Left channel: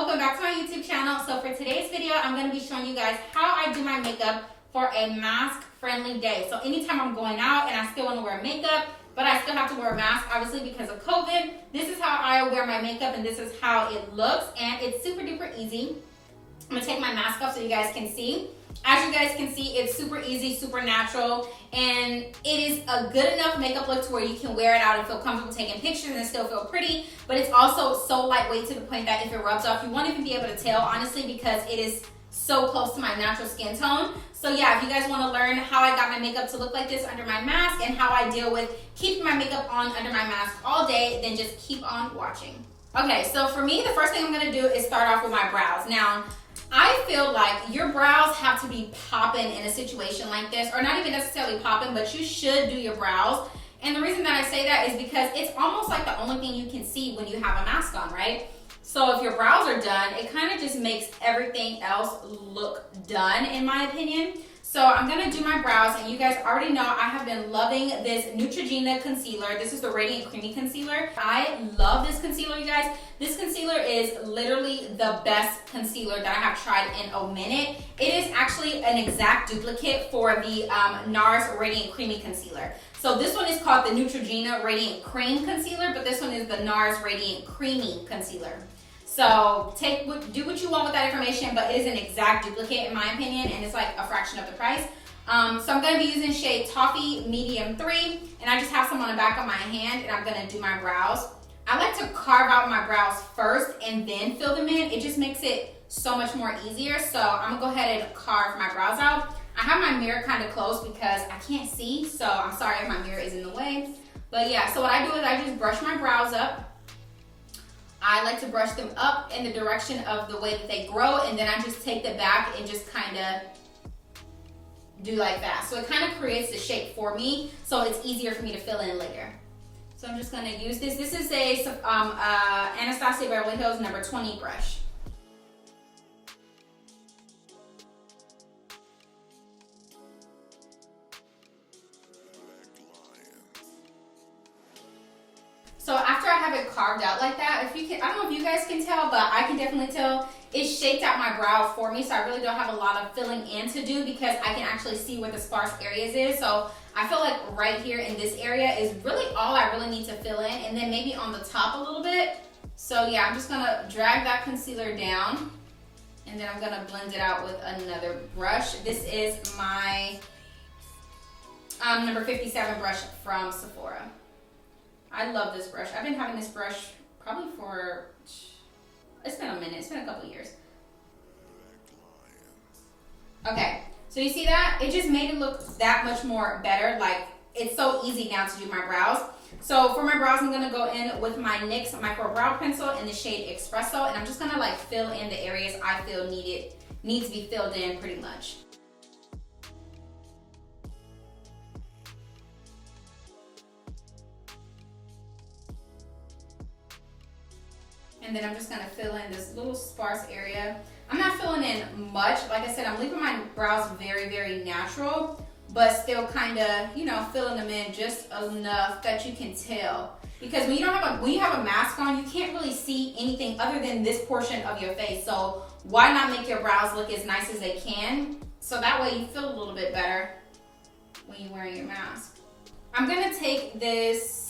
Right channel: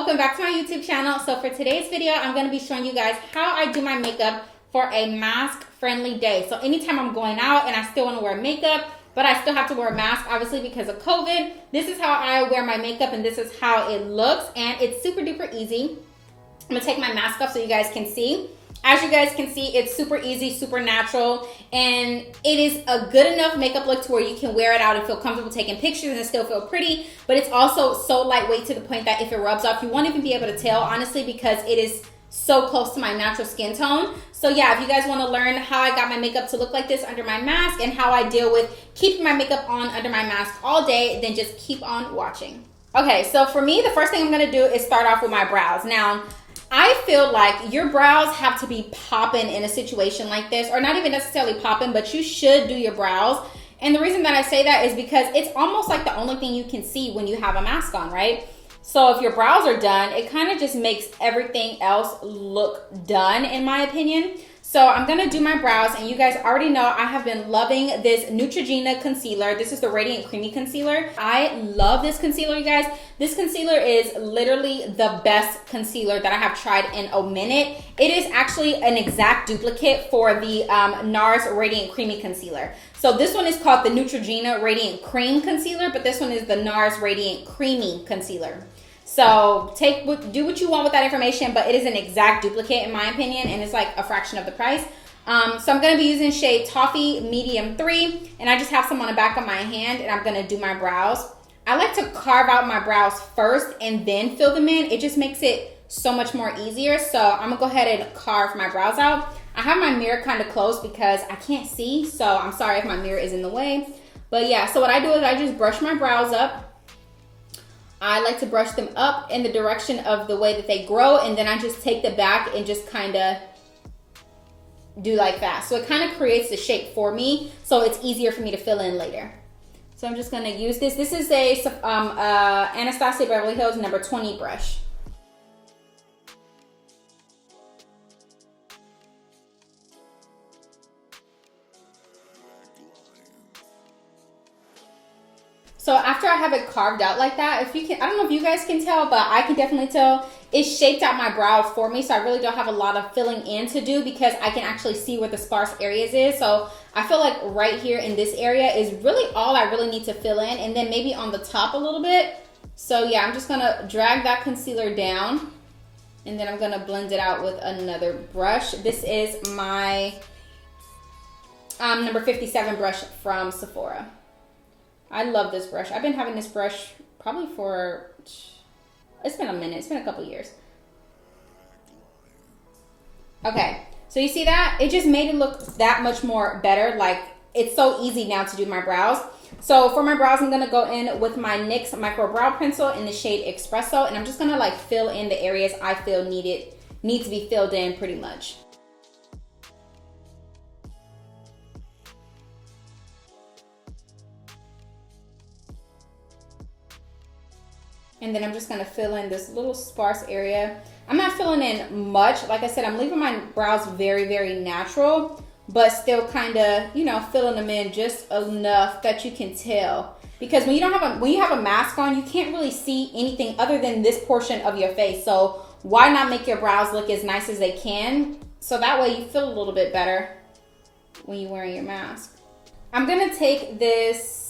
welcome back to my YouTube channel. So for today's video, I'm going to be showing you guys how I do my makeup for a mask friendly day. So anytime I'm going out and I still want to wear makeup, but I still have to wear a mask obviously because of COVID, this is how I wear my makeup and this is how it looks, and it's super duper easy. I'm going to take my mask off so you guys can see. As you guys can see, it's super easy, super natural, and it is a good enough makeup look to where you can wear it out and feel comfortable taking pictures and still feel pretty, but it's also so lightweight to the point that if it rubs off, you won't even be able to tell, honestly, because it is so close to my natural skin tone. So yeah, if you guys want to learn how I got my makeup to look like this under my mask and how I deal with keeping my makeup on under my mask all day, then just keep on watching. Okay, so for me, the first thing I'm going to do is start off with my brows. Now, I feel like your brows have to be popping in a situation like this, or not even necessarily popping, but you should do your brows. And the reason that I say that is because it's almost like the only thing you can see when you have a mask on, right? So if your brows are done, it kind of just makes everything else look done, in my opinion. So I'm going to do my brows, and you guys already know I have been loving this Neutrogena concealer. This is the Radiant Creamy Concealer. I love this concealer, you guys. This concealer is literally the best concealer that I have tried in a minute. It is actually an exact duplicate for the NARS Radiant Creamy Concealer. So this one is called the Neutrogena Radiant Cream Concealer, but this one is the NARS Radiant Creamy Concealer. So do what you want with that information, but it is an exact duplicate in my opinion, and it's like a fraction of the price. So I'm going to be using shade Toffee Medium 3, and I just have some on the back of my hand, and I'm going to do my brows. I like to carve out my brows first and then fill them in. It just makes it so much more easier. So I'm going to go ahead and carve my brows out. I have my mirror kind of close because I can't see, so I'm sorry if my mirror is in the way. But yeah, so what I do is I just brush my brows up. I like to brush them up in the direction of the way that they grow, and then I just take the back and just kind of do like that. So it kind of creates the shape for me, so it's easier for me to fill in later. So I'm just going to use this. This is a Anastasia Beverly Hills number 20 brush. So after I have it carved out like that, if you can, I don't know if you guys can tell, but I can definitely tell it shaped out my brow for me. So I really don't have a lot of filling in to do because I can actually see where the sparse areas is. So I feel like right here in this area is really all I really need to fill in, and then maybe on the top a little bit. So yeah, I'm just gonna drag that concealer down, and then I'm gonna blend it out with another brush. This is my number 57 brush from Sephora. I love this brush. I've been having this brush probably for, it's been a minute. It's been a couple years. Okay, so you see that? It just made it look that much more better. Like, it's so easy now to do my brows. So for my brows, I'm going to go in with my NYX Micro Brow Pencil in the shade Espresso, and I'm just going to like fill in the areas I feel need to be filled in pretty much. And then I'm just gonna fill in this little sparse area. I'm not filling in much. Like I said, I'm leaving my brows very, very natural, but still kind of, you know, filling them in just enough that you can tell. Because when you have a mask on, you can't really see anything other than this portion of your face. So why not make your brows look as nice as they can? So that way you feel a little bit better when you're wearing your mask. I'm gonna take this,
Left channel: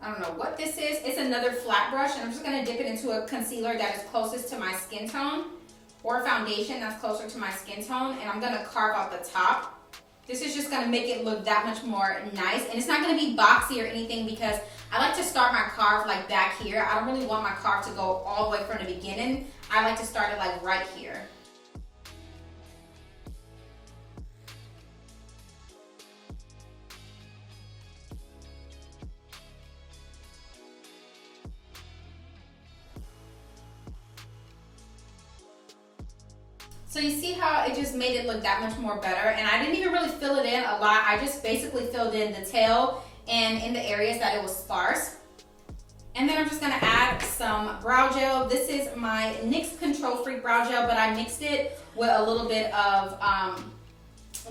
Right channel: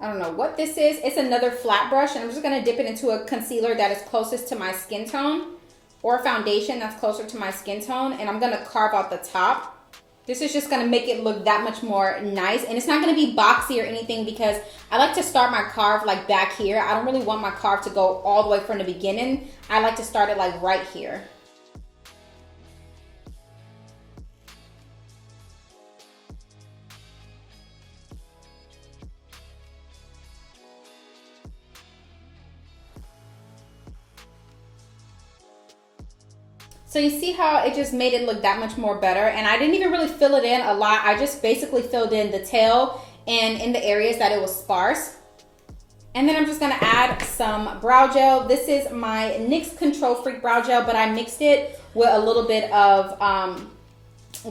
I don't know what this is. It's another flat brush, and I'm just going to dip it into a concealer that is closest to my skin tone, or a foundation that's closer to my skin tone, and I'm going to carve out the top. This is just going to make it look that much more nice, and it's not going to be boxy or anything because I like to start my carve like back here. I don't really want my carve to go all the way from the beginning. I like to start it like right here. So you see how it just made it look that much more better, and I didn't even really fill it in a lot. I just basically filled in the tail and in the areas that it was sparse. And then I'm just gonna add some brow gel. This is my NYX Control Freak Brow Gel, but I mixed it with a little bit of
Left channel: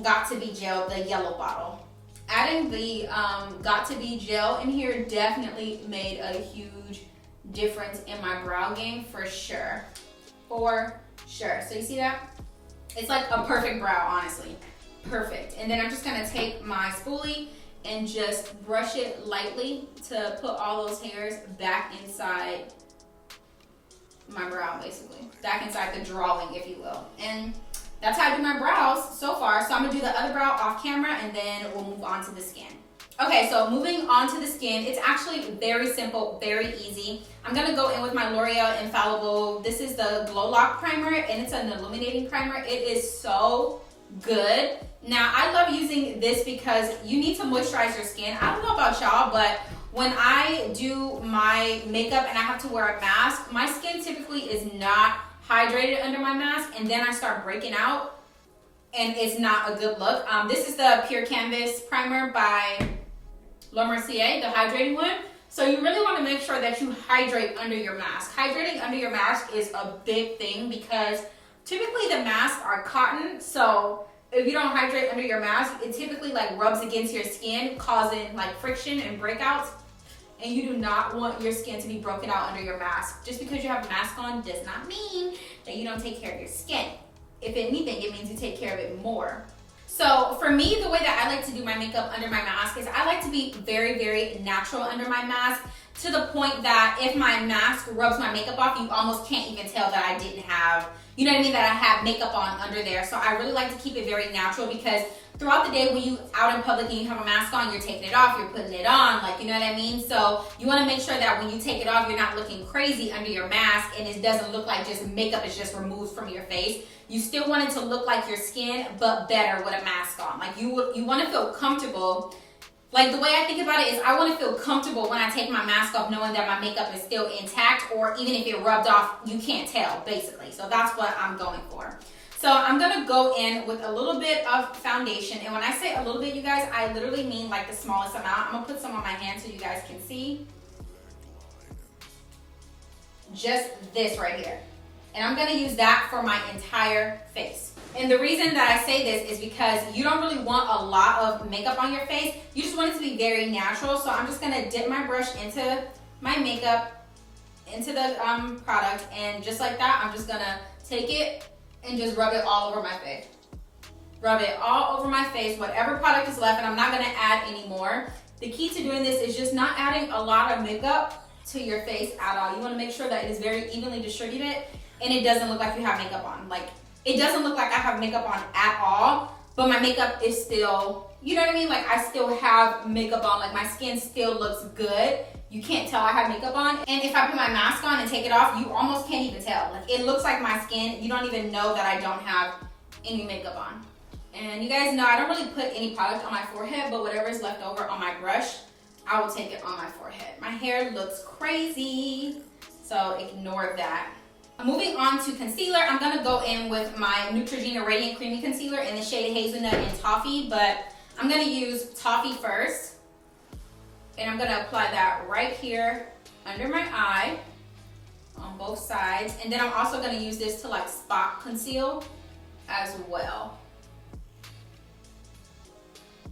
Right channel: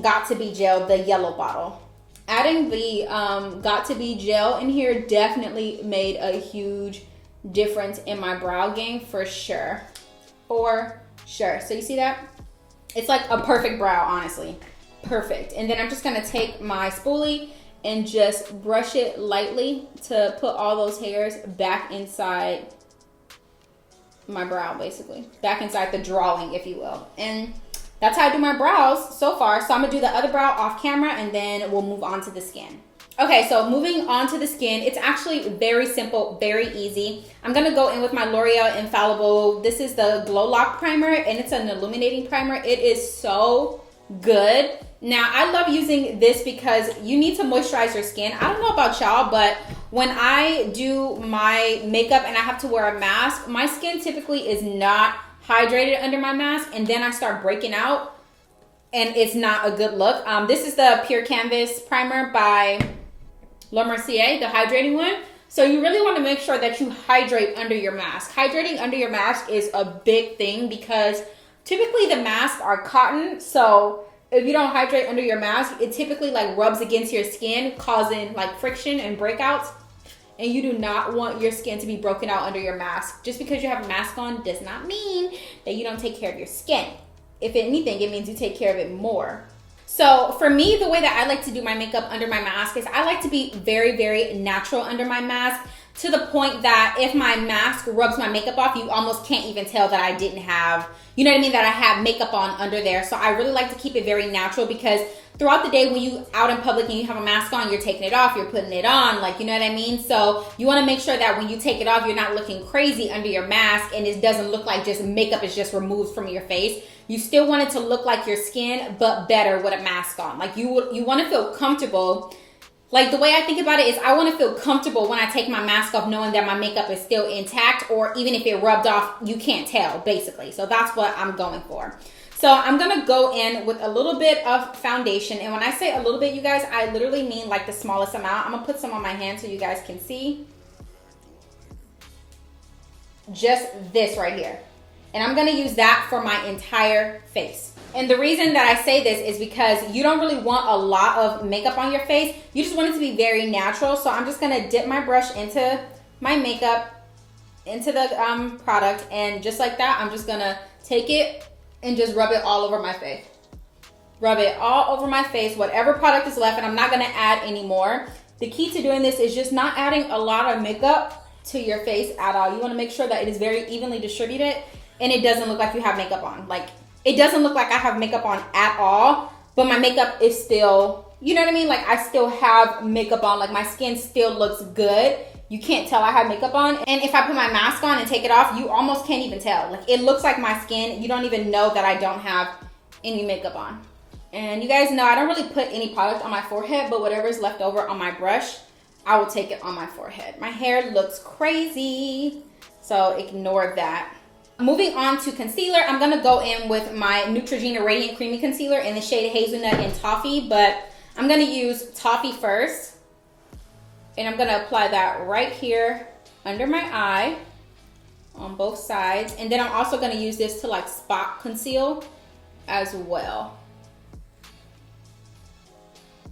Got To Be Gel, the yellow bottle. Adding the Got To Be Gel in here definitely made a huge difference in my brow game for sure. For sure. So you see that? It's like a perfect brow, honestly. Perfect. And then I'm just gonna take my spoolie and just brush it lightly to put all those hairs back inside my brow, basically. Back inside the drawing, if you will. And that's how I do my brows so far. So I'm gonna do the other brow off camera and then we'll move on to the skin. Okay, so moving on to the skin, it's actually very simple, very easy. I'm gonna go in with my L'Oreal Infallible. This is the Glow Lock Primer and it's an illuminating primer. It is so good. Now, I love using this because you need to moisturize your skin. I don't know about y'all, but when I do my makeup and I have to wear a mask, my skin typically is not hydrated under my mask, and then I start breaking out and it's not a good look. This is the Pure Canvas Primer by La Mercier, the hydrating one. So you really want to make sure that you hydrate under your mask. Hydrating under your mask is a big thing because typically the masks are cotton, so if you don't hydrate under your mask, it typically like rubs against your skin, causing like friction and breakouts. And you do not want your skin to be broken out under your mask. Just because you have a mask on does not mean that you don't take care of your skin. If anything, it means you take care of it more. So for me, the way that I like to do my makeup under my mask is I like to be very, very natural under my mask, to the point that if my mask rubs my makeup off, you almost can't even tell that I didn't have, you know what I mean, that I have makeup on under there. So I really like to keep it very natural because throughout the day when you out in public and you have a mask on, you're taking it off, you're putting it on, like, you know what I mean? So you want to make sure that when you take it off, you're not looking crazy under your mask and it doesn't look like just makeup is just removed from your face. You still want it to look like your skin, but better with a mask on. Like you want to feel comfortable. Like the way I think about it is I want to feel comfortable when I take my mask off knowing that my makeup is still intact, or even if it rubbed off, you can't tell, basically. So that's what I'm going for. So I'm going to go in with a little bit of foundation. And when I say a little bit, you guys, I literally mean like the smallest amount. I'm going to put some on my hand so you guys can see. Just this right here. And I'm going to use that for my entire face. And the reason that I say this is because you don't really want a lot of makeup on your face. You just want it to be very natural. So I'm just going to dip my brush into my makeup, into the product. And just like that, I'm just going to take it and just rub it all over my face. Rub it all over my face, whatever product is left, and I'm not going to add any more. The key to doing this is just not adding a lot of makeup to your face at all. You want to make sure that it is very evenly distributed and it doesn't look like you have makeup on. Like, it doesn't look like I have makeup on at all, but my makeup is still, you know what I mean? Like, I still have makeup on. Like, my skin still looks good. You can't tell I have makeup on. And if I put my mask on and take it off, you almost can't even tell. Like, it looks like my skin. You don't even know that I don't have any makeup on. And you guys know I don't really put any product on my forehead, but whatever is left over on my brush, I will take it on my forehead. My hair looks crazy, so ignore that. Moving on to concealer, I'm going to go in with my Neutrogena Radiant Creamy Concealer in the shade Hazelnut and Toffee, but I'm going to use Toffee first. And I'm going to apply that right here under my eye on both sides. And then I'm also going to use this to like spot conceal as well.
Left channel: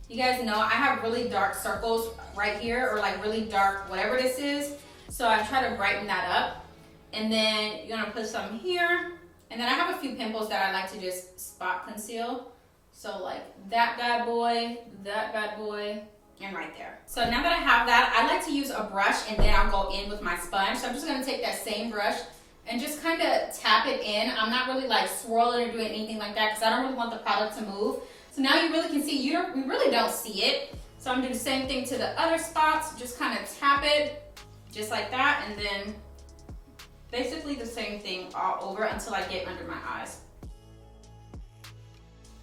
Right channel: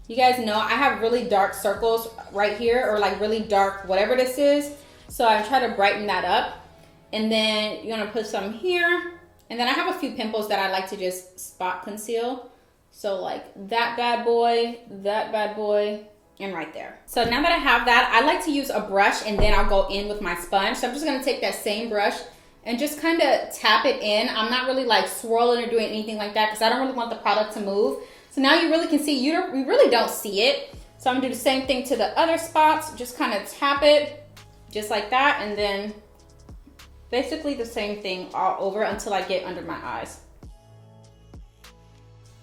You guys know I have really dark circles right here, or like really dark whatever this is. So I try to brighten that up. And then you're going to put some here. And then I have a few pimples that I like to just spot conceal. So like that bad boy, and right there. So now that I have that, I like to use a brush and then I'll go in with my sponge. So I'm just gonna take that same brush and just kind of tap it in. I'm not really like swirling or doing anything like that because I don't really want the product to move. So now you really can see, you really don't see it. So I'm gonna do the same thing to the other spots. Just kind of tap it just like that, and then basically the same thing all over until I get under my eyes.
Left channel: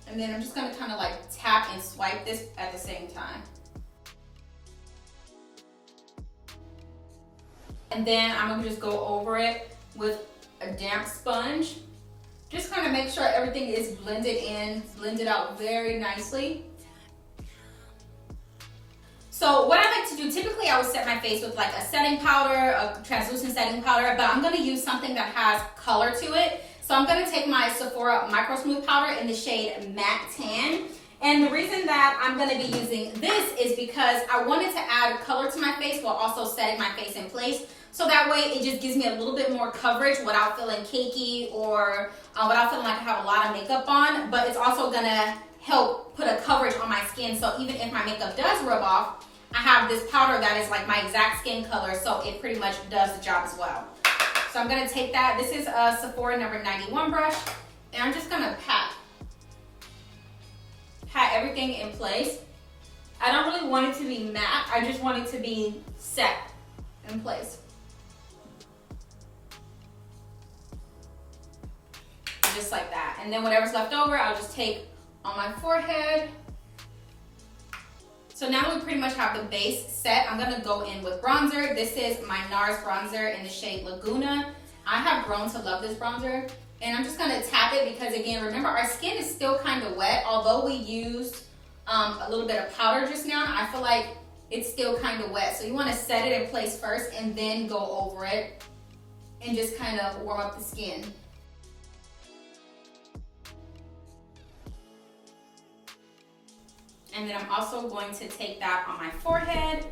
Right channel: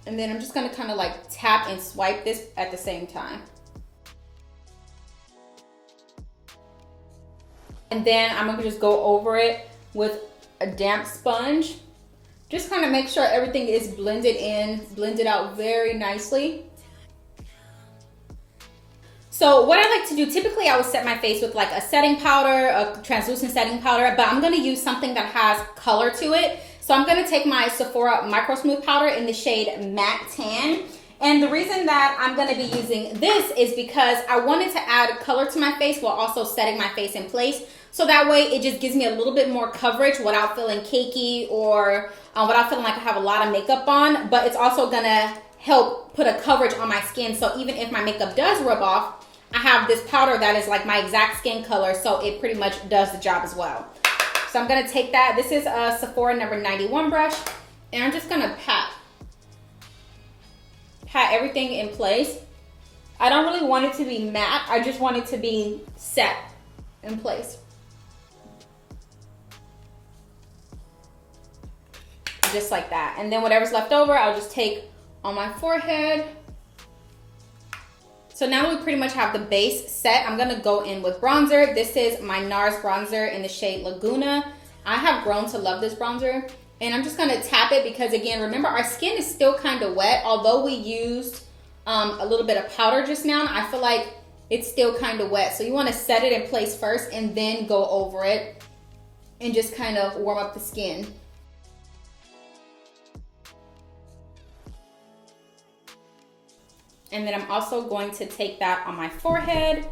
And then I'm just gonna kind of like tap and swipe this at the same time. And then I'm gonna just go over it with a damp sponge. Just kind of make sure everything is blended in, blended out very nicely. So what I like to do, typically I would set my face with like a setting powder, a translucent setting powder, but I'm gonna use something that has color to it. So I'm gonna take my Sephora Micro Smooth Powder in the shade Matte Tan. And the reason that I'm gonna be using this is because I wanted to add color to my face while also setting my face in place. So that way it just gives me a little bit more coverage without feeling cakey or without feeling like I have a lot of makeup on. But it's also gonna help put a coverage on my skin. So even if my makeup does rub off, I have this powder that is like my exact skin color. So it pretty much does the job as well. So I'm gonna take that. This is a Sephora number 91 brush. And I'm just gonna pat everything in place. I don't really want it to be matte. I just want it to be set in place. Just like that. And then whatever's left over, I'll just take on my forehead. So now that we pretty much have the base set, I'm gonna go in with bronzer. This is my NARS bronzer in the shade Laguna. I have grown to love this bronzer. And I'm just gonna tap it because, again, remember our skin is still kind of wet. Although we used a little bit of powder just now, I feel like it's still kind of wet. So you wanna set it in place first and then go over it and just kind of warm up the skin. And then I'm also going to take that on my forehead.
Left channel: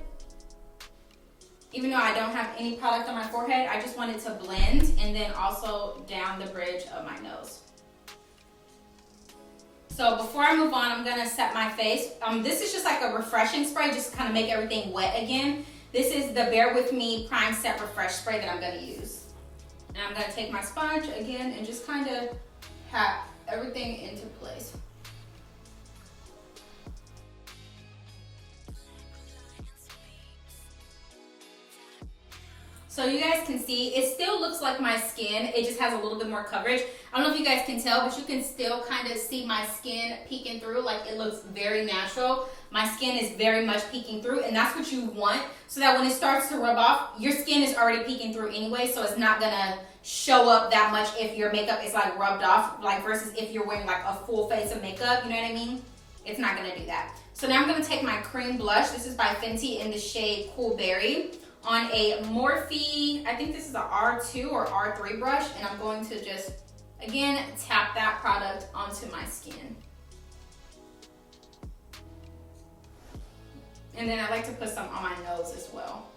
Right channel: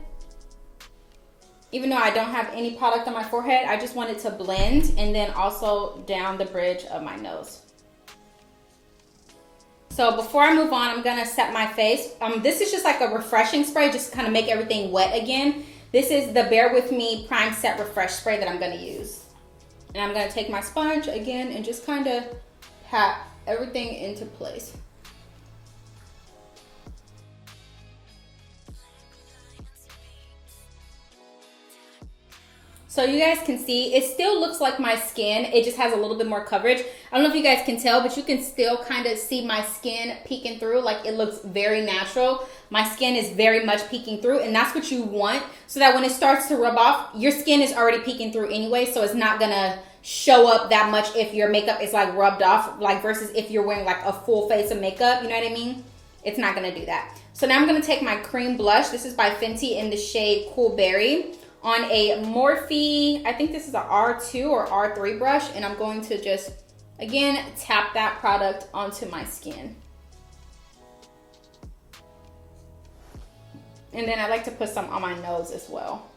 Even though I don't have any product on my forehead, I just want it to blend, and then also down the bridge of my nose. So before I move on, I'm gonna set my face. This is just like a refreshing spray, just to kind of make everything wet again. This is the Bear With Me Prime Set Refresh Spray that I'm gonna use. And I'm gonna take my sponge again and just kind of pat everything into place. So you guys can see, it still looks like my skin. It just has a little bit more coverage. I don't know if you guys can tell, but you can still kind of see my skin peeking through. Like, it looks very natural. My skin is very much peeking through, and that's what you want, so that when it starts to rub off, your skin is already peeking through anyway, so it's not gonna show up that much if your makeup is like rubbed off, like versus if you're wearing like a full face of makeup, you know what I mean? It's not gonna do that. So now I'm gonna take my cream blush. This is by Fenty in the shade Cool Berry, on a Morphe, I think this is a R2 or R3 brush, and I'm going to just, again, tap that product onto my skin. And then I like to put some on my nose as well.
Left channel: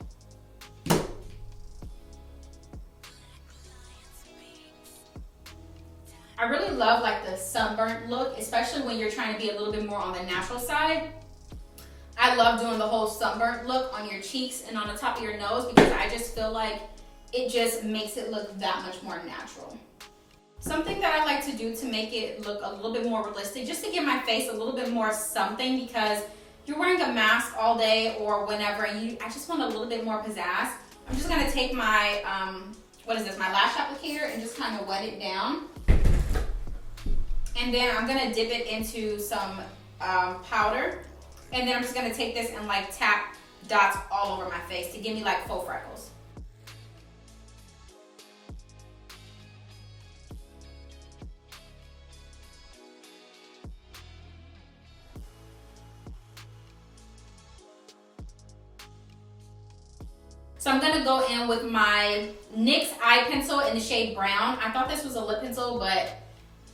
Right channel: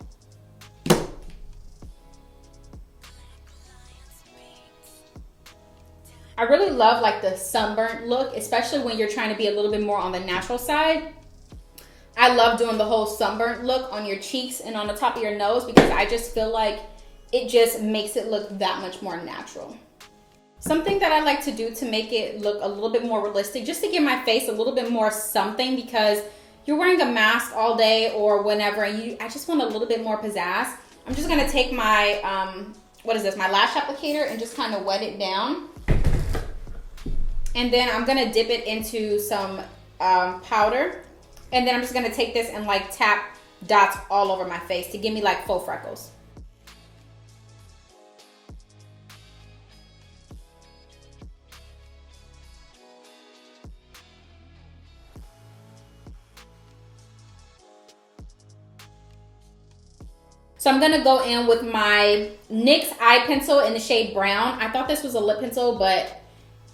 I really love like the sunburnt look, especially when you're trying to be a little bit more on the natural side. I love doing the whole sunburnt look on your cheeks and on the top of your nose because I just feel like it just makes it look that much more natural. Something that I like to do to make it look a little bit more realistic, just to give my face a little bit more something, because you're wearing a mask all day or whenever, and I just want a little bit more pizzazz. I'm just gonna take my, my lash applicator and just kind of wet it down. And then I'm gonna dip it into some powder. And then I'm just gonna take this and like tap dots all over my face to give me like faux freckles. So I'm gonna go in with my NYX eye pencil in the shade Brown. I thought this was a lip pencil, but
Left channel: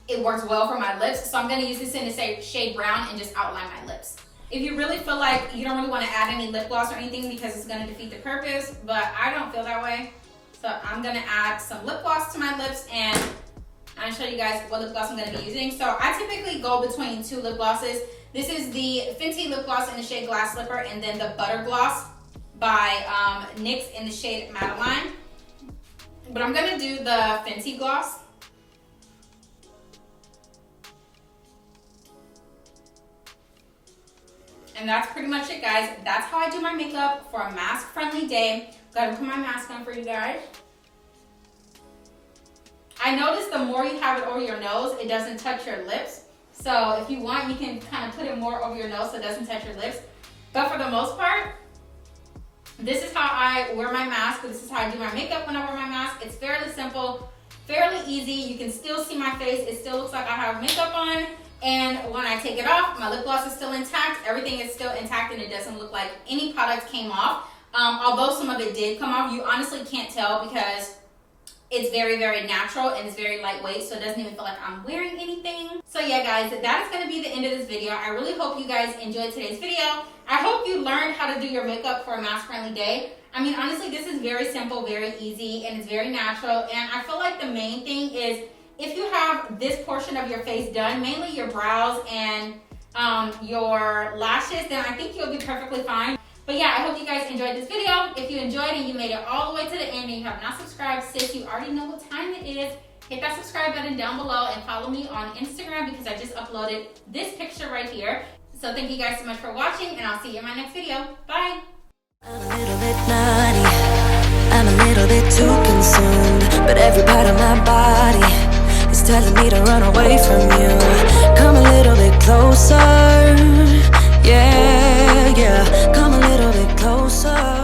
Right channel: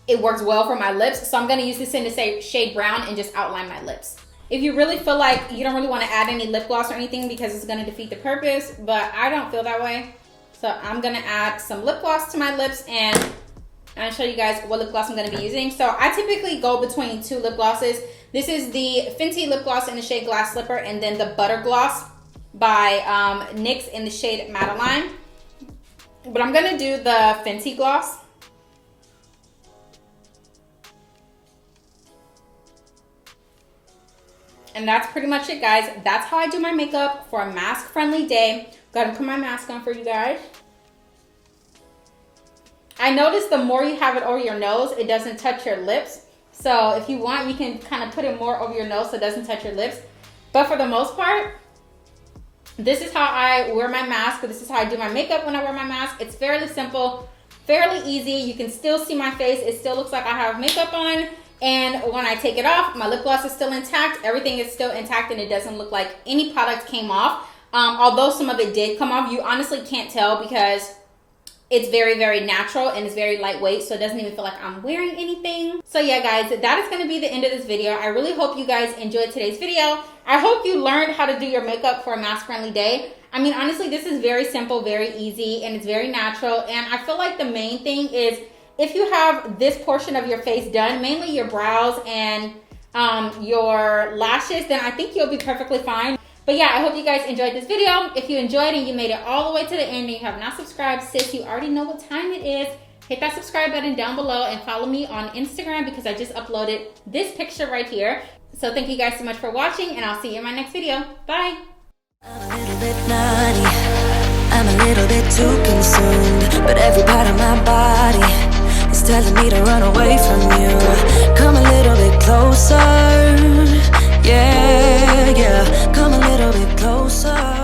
it works well for my lips. So I'm gonna use this in the shade Brown and just outline my lips. If you really feel like you don't really want to add any lip gloss or anything because it's going to defeat the purpose, but I don't feel that way. So I'm going to add some lip gloss to my lips, and I'll show you guys what lip gloss I'm going to be using. So I typically go between two lip glosses. This is the Fenty lip gloss in the shade Glass Slipper, and then the Butter Gloss by NYX in the shade Madeline. But I'm going to do the Fenty gloss. And that's pretty much it, guys. That's how I do my makeup for a mask-friendly day. Gotta put my mask on for you guys. I noticed the more you have it over your nose, it doesn't touch your lips. So if you want, you can kind of put it more over your nose so it doesn't touch your lips. But for the most part, this is how I wear my mask. This is how I do my makeup when I wear my mask. It's fairly simple, fairly easy. You can still see my face. It still looks like I have makeup on. And when I take it off, my lip gloss is still intact. Everything is still intact, and it doesn't look like any product came off. Although some of it did come off, you honestly can't tell because it's very, very natural and it's very lightweight, so it doesn't even feel like I'm wearing anything. So yeah, guys, that is going to be the end of this video. I really hope you guys enjoyed today's video. I hope you learned how to do your makeup for a mask-friendly day. I mean, honestly, this is very simple, very easy, and it's very natural. And I feel like the main thing is if you have this portion of your face done, mainly your brows and your lashes, then I think you'll be perfectly fine. But yeah, I hope you guys enjoyed this video. If you enjoyed and you made it all the way to the end and you have not subscribed, sis, you already know what time it is. Hit that subscribe button down below and follow me on Instagram because I just uploaded this picture right here. So thank you guys so much for watching, and I'll see you in my next video. Bye. I'm a little bit naughty, I'm a little bit too consumed, but every part of my body is telling me to run away from you. Come a little bit closer, yeah, yeah, come a little bit closer.